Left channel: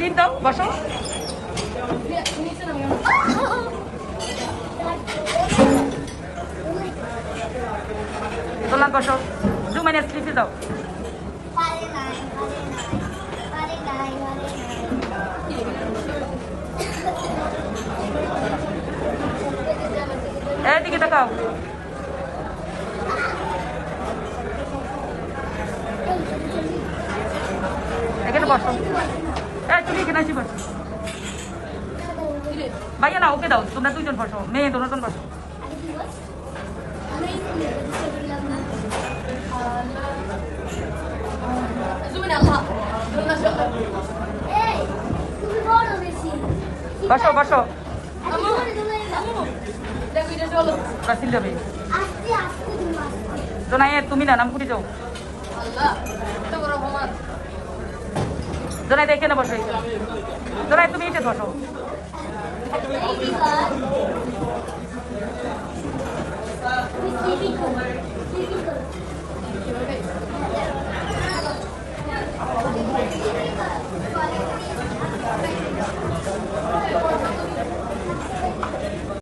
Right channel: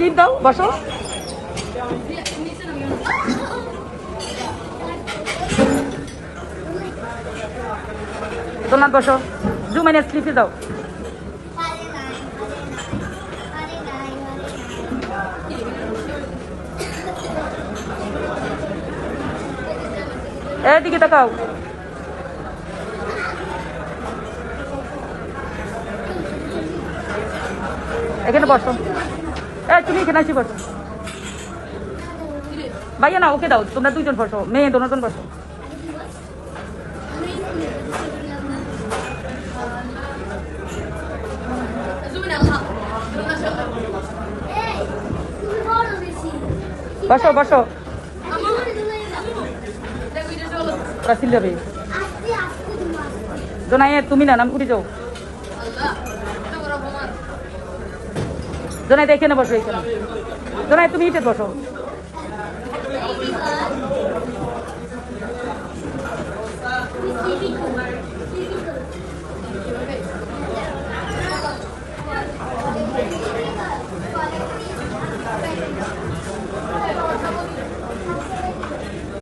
Slip দাও, বসো। দোলনায় বসো, জুমাইনের স্লিপে দাও। এদিকে তাকাও। এখানে বসো। তুমি এখানে আসি বসো। ভাইয়া না, ওকে দাও, তোমরা দুইজন বসো, মেয়ে দুজন বসো। বসো বসো। তুমি না নাম কুড়ি যাও। জোনাই এখানে বসো। জোনাই তুমি ইটে বসো।